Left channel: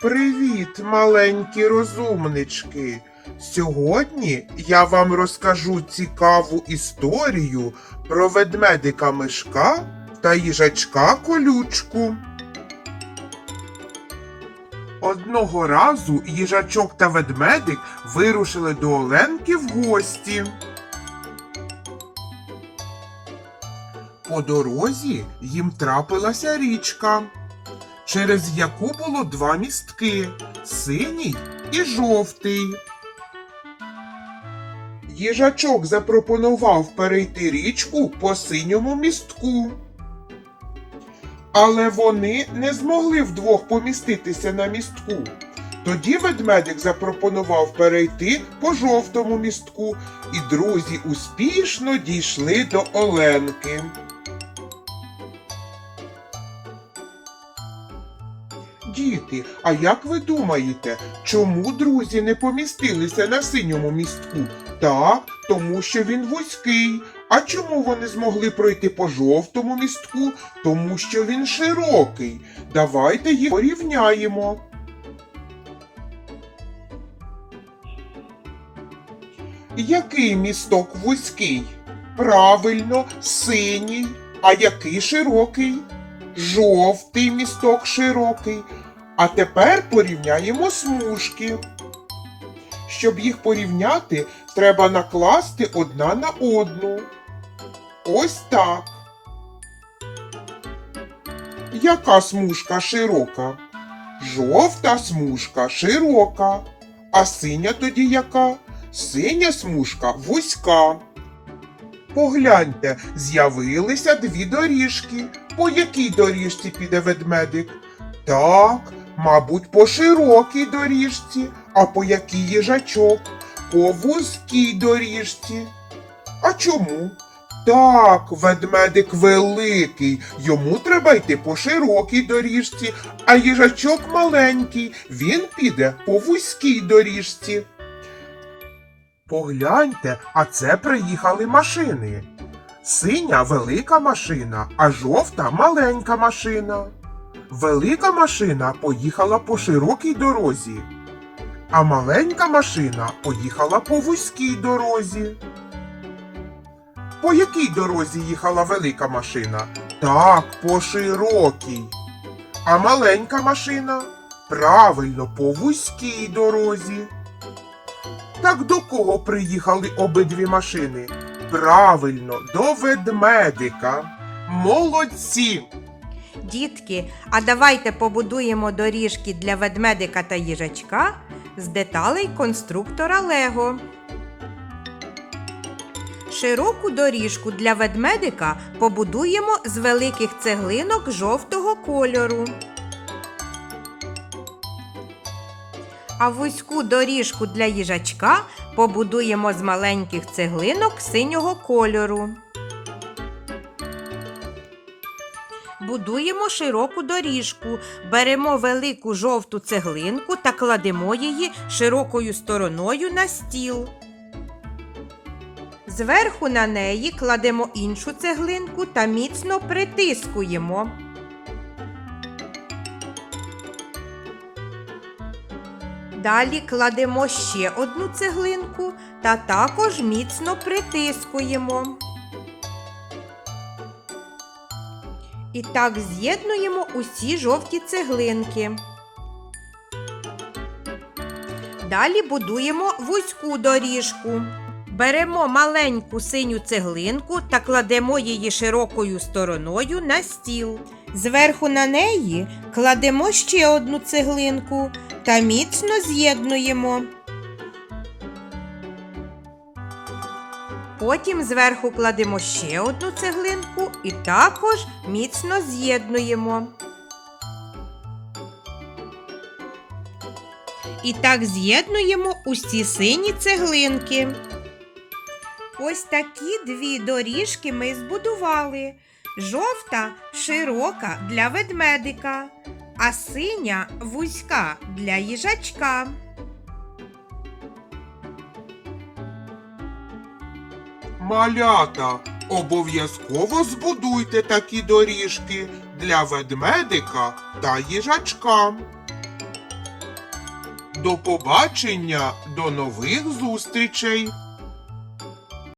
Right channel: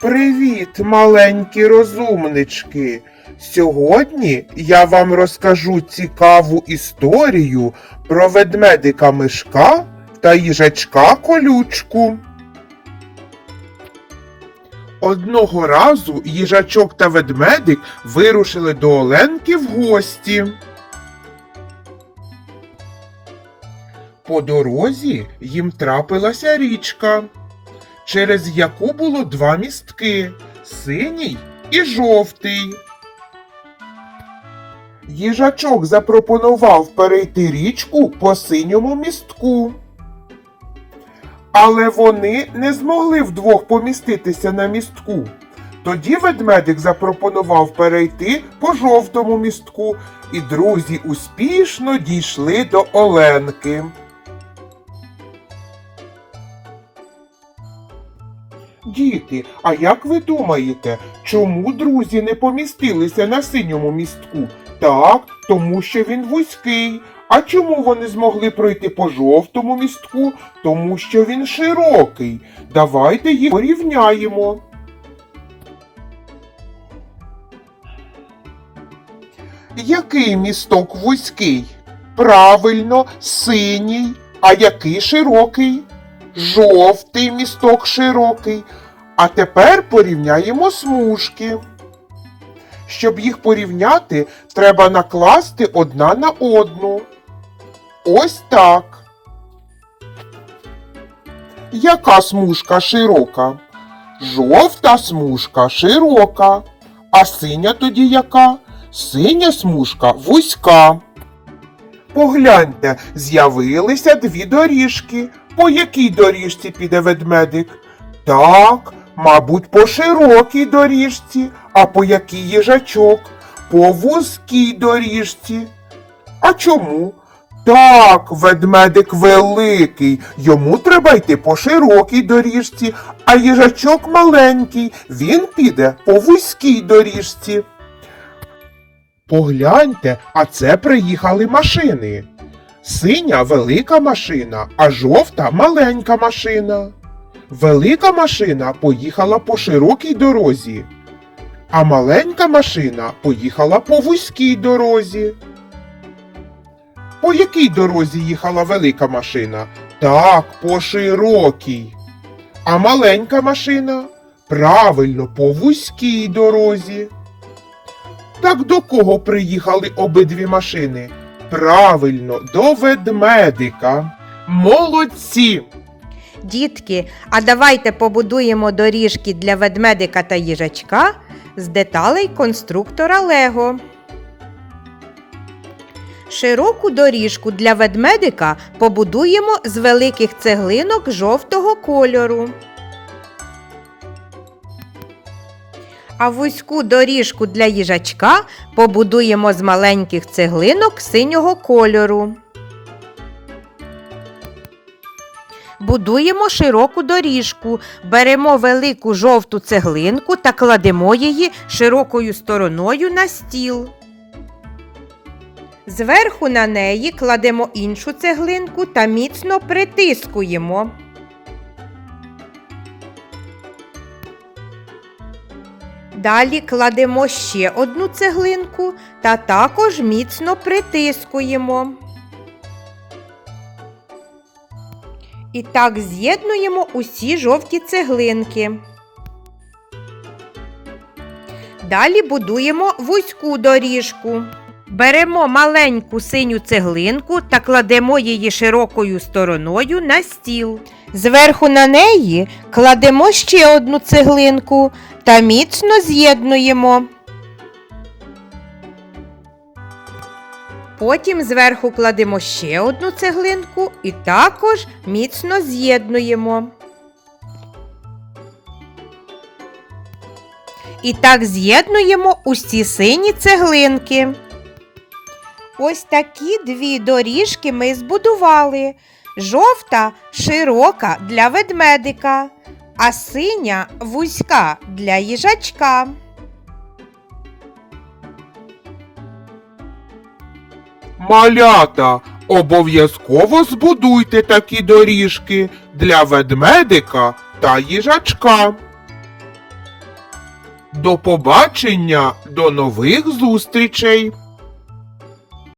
Привіт, маленькі розумнички! Сьогодні я вам розкажу цікаву історію про ведмедика Мишка та їжачка колючку. Одного разу їжачок та ведмедик вирушили до Оленки в гості. По дорозі їм трапилася річка, через яку було два містки синій і жовтий. Їжачок запропонував перейти річку по синьому містку. Але вони не змогли вдвох поміститися на містку. Тоді ведмедик запропонував перейти по жовтому містку, і друзі успішно дійшли до Оленки. Діти, а як ви думаєте, чому друзі не помістилися на синьому містку? Так, тому що він вузький. А чому вони змогли пройти по жовтому містку? Тому що він широкий. Давайте їх порівняємо. Який місток вузький? Правильно, синій. А який широкий? Жовтий місток широкий. А тепер порівняємо смужки. Щоб їх порівняти, треба накласти одна на одну. Ось так. Яка смужка широка? Жовта смужка широка. А синя тоді яка? Синя смужка вузька. Погляньте, з'явилися дві доріжки. По якій доріжці піде ведмедик? Так, мабуть, по широкій доріжці, а по якій їжачок? По вузькій доріжці. А чому? Так, ведмедик великий, йому треба йти по широкій доріжці, а їжачок маленький, він піде по вузькій доріжці. Погляньте, а це приїхали машини. Синя велика машина, а жовта маленька машина. Велика машина поїхала по широкій дорозі, а маленька машина поїхала по вузькій дорозі. По якій дорозі їхала велика машина? Так, по широкій. А маленька машина? Правильно, по вузькій дорозі. Так до кого приїхали обидві машини? Правильно, до ведмедика. Молодці! Дітки, а давайте побудуємо доріжки для ведмедика та їжачка з деталей конструктора Лего. Широку доріжку для ведмедика побудуємо з великих цеглинок жовтого кольору. А вузьку доріжку для їжачка побудуємо з маленьких цеглинок синього кольору. Будуємо широку доріжку, беремо велику жовту цеглинку та кладемо її широкою стороною на стіл. Зверху на неї кладемо іншу цеглинку та міцно притискуємо. Далі кладемо ще одну цеглинку та також міцно притискуємо. І так з'єднуємо усі жовті цеглинки. Далі будуємо вузьку доріжку. Беремо маленьку синю цеглинку та кладемо її широкою стороною на стіл. Зверху на неї кладемо ще одну цеглинку та міцно з'єднуємо. Потім зверху кладемо ще одну цеглинку і також міцно з'єднуємо. І так з'єднуємо усі сині цеглинки. Ось такі дві доріжки ми збудували. Жовта широка для ведмедика, а синя вузька для їжачка. Малята, обов'язково збудуйте такі доріжки для ведмедика та їжачка. До побачення, до нових зустрічей!